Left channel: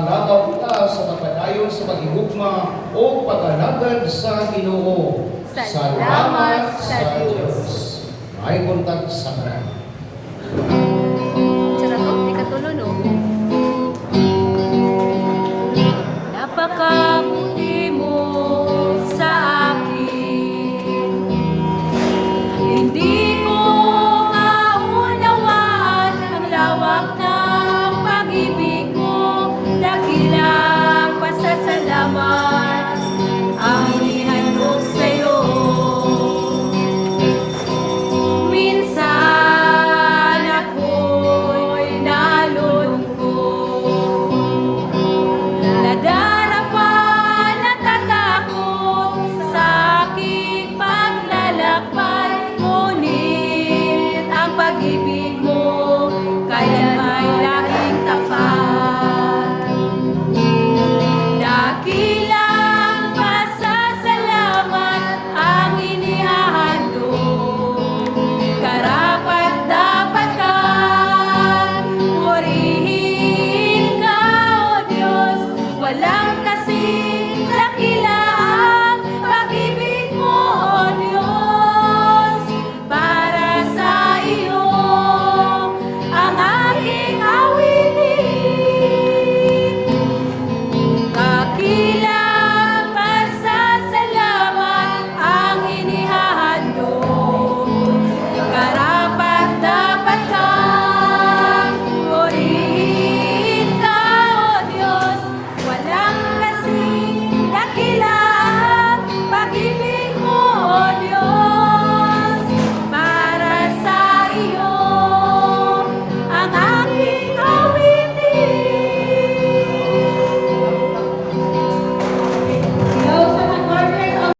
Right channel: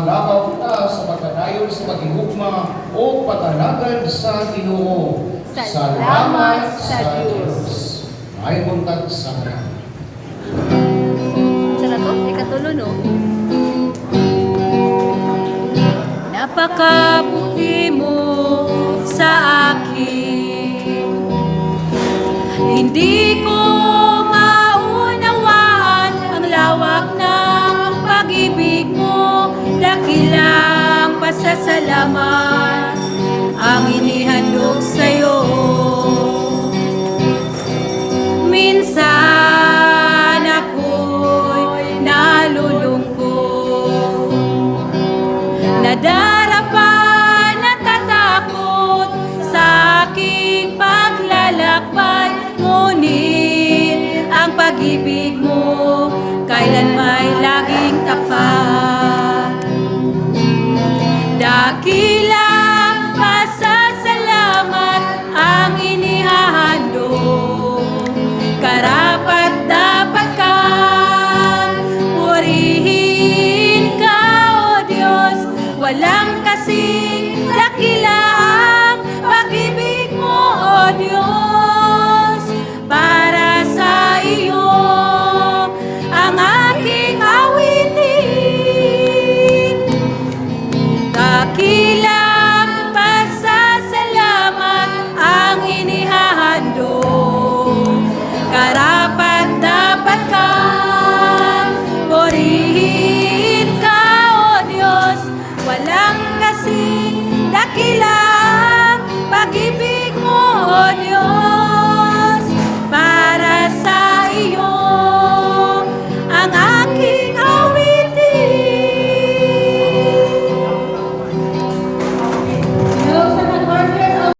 Mangabaw ka sa pagkadayon sa paghigugma o pag-alagad sa Ginoo. Salamat sa Diyos. Ay buntag sa kanan. Sarap to, ikatulo no? Napaka